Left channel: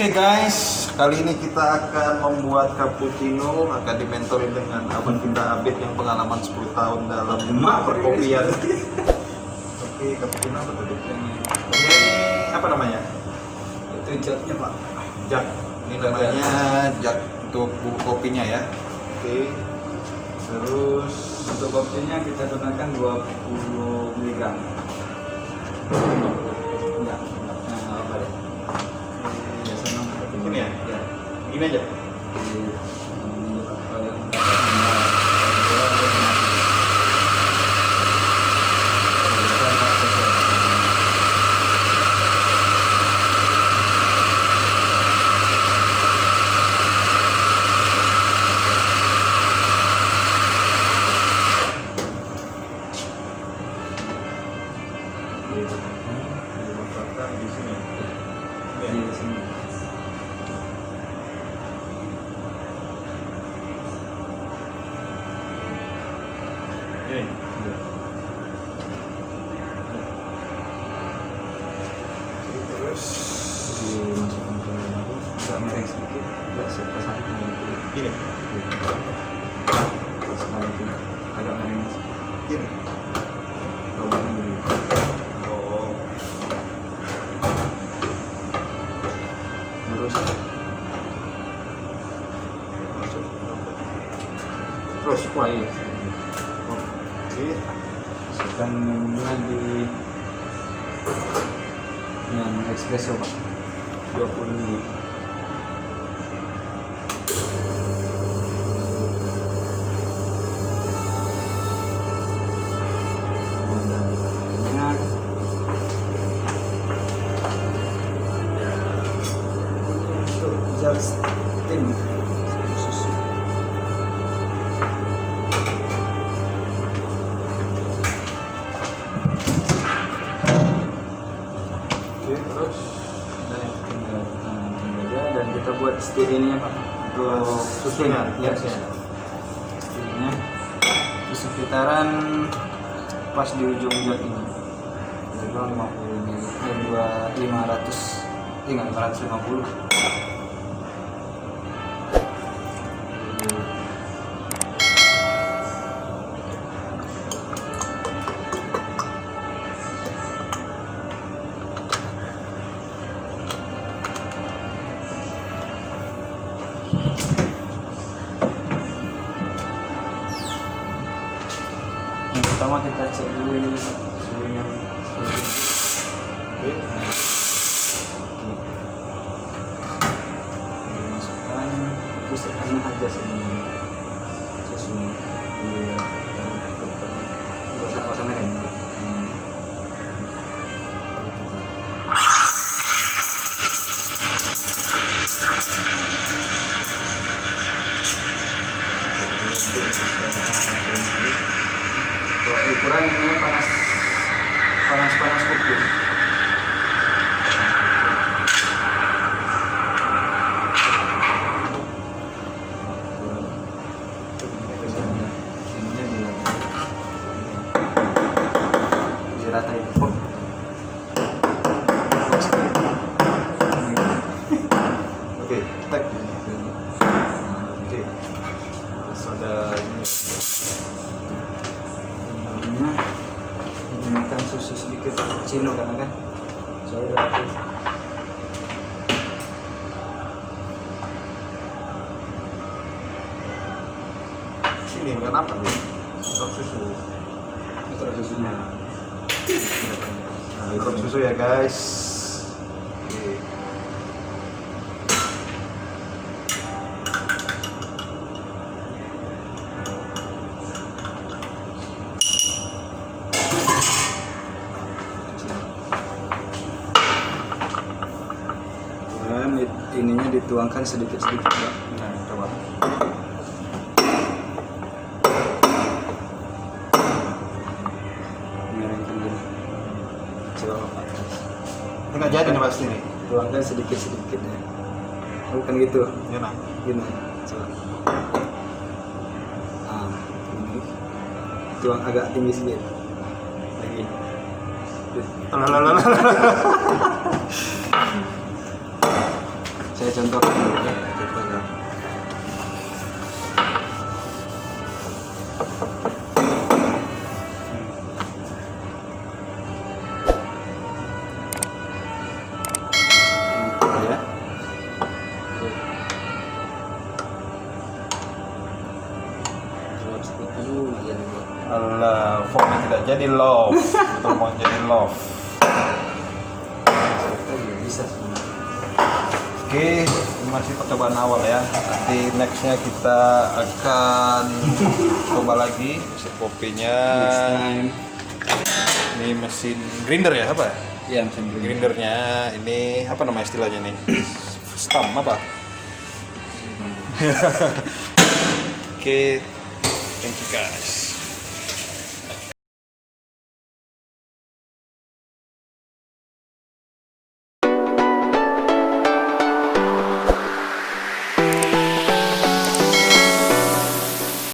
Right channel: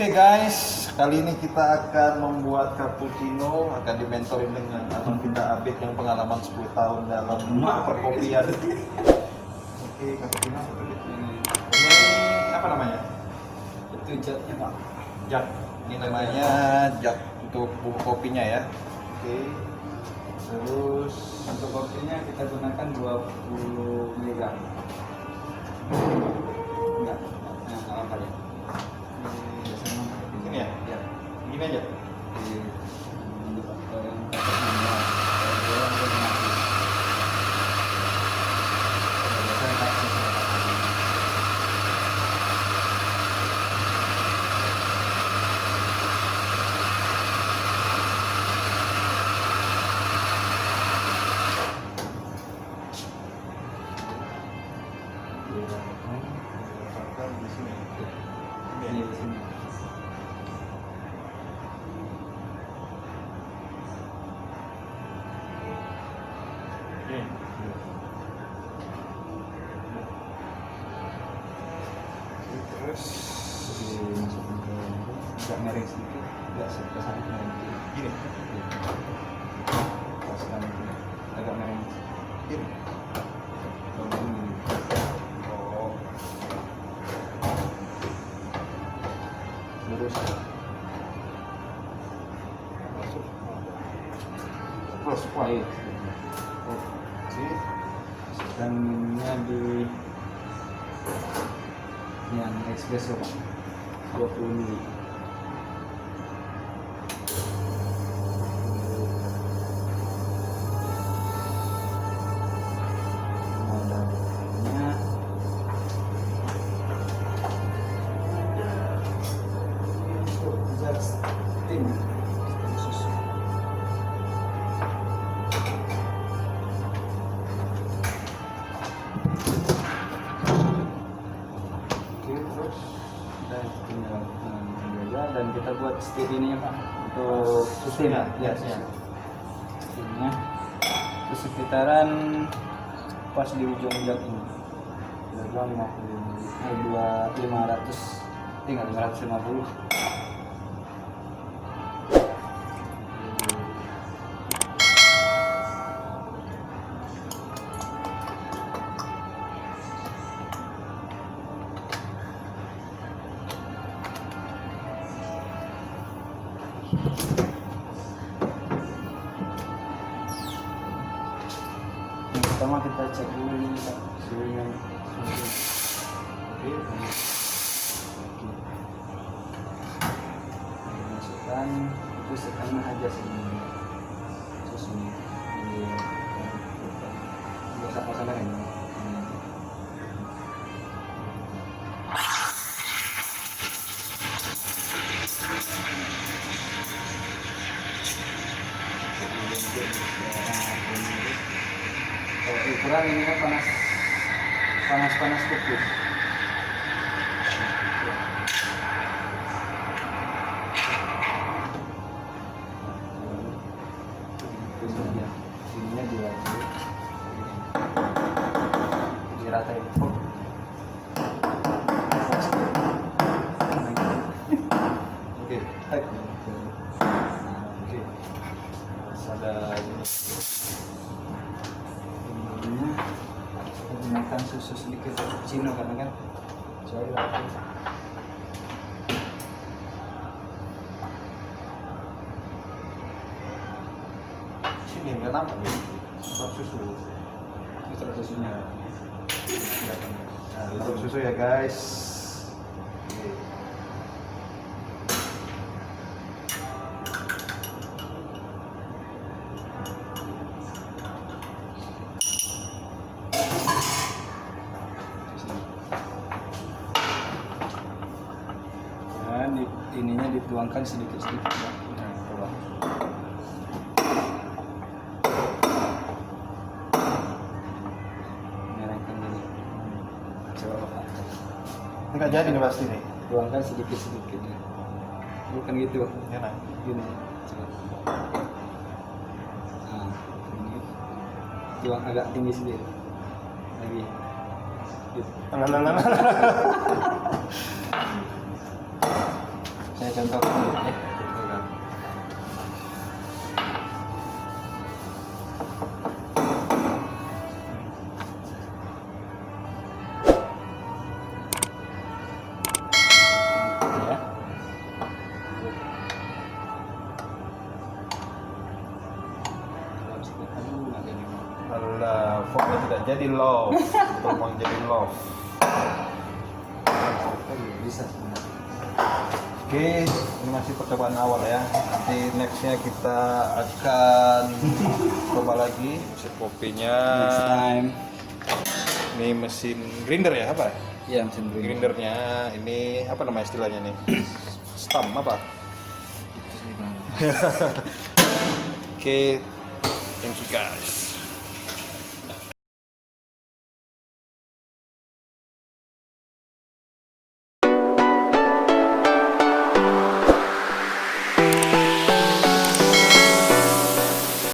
Oke guys, kali ini kita akan membuat cappuccino, akan dimentorin dengan abang kita Abid yang pengalaman 10 tahun dalam perkopian. Oke, cappuccino apa tuh? Ini apa namanya? Itu jagnya pak. Jak. Ini namanya jak untuk bubuk kopinya ya. Oke. Terus Untuk kopinya kita gunakan 20 mg. Ya, nggak apa ya. Biasanya ini ya? Ya. Begini aja. Di sini. Ini. Terus Dimasukkan ke agak miring sedikit. Ya, pasang ini. pasang itu agak miring sedikit. Ini. Lubang dulu. Oh. Terus Masuk. terus iya. Oke. Masukkan di yang espresso pak, 20 ml. Minyak. Jar steam susu. Oke, terus Nah, tinggal aja dan kita buat stir ini pak untuk susunya, ya, ya. stirnya di sekitaran pas di ujung jok ini berapa 550. Yang pertama kita cek dulu ini suhunya. oke. Masukkan pusatkan aja semuanya susunya biar basah mereng. Kalau ukuran ini panas kopi. Sininya diratain. Oke, tek. Oke. Terus ada ini. Menggunakan susu sedikit cappuccino karena kan saya udah pakai. Sini nggak nampak nih. Sirup susu. Itu susunya. Nah, sirup susu ya guys. Oke. Dan ininya dituangkan sedikit-sedikit ya. Nah, coba. Miringkan dulu. Coba Pak. Nggak jadi nih pasti nih. Tuangkan sedikit-sedikit ya. Bukan gitu. Ya nah. Gini. Coba. Nah, ini. Tuang agak tinggi sedikit. Lagi. Lalalala. Saya contohkan dulu ya. Contohkan. Ya. Alah, formnya tidak jadi love. Betul mau jadi love. Bisa semua. Oke, ini masih percobaan awal ya. Nanti nextnya kita akan coba lagi mesin kopinya. Next time. Ini mesin grinder ya apa? Iya, mesin grinder. Grindernya ini apa nama istilahnya nih? Stam apa? Oke, thank you guys.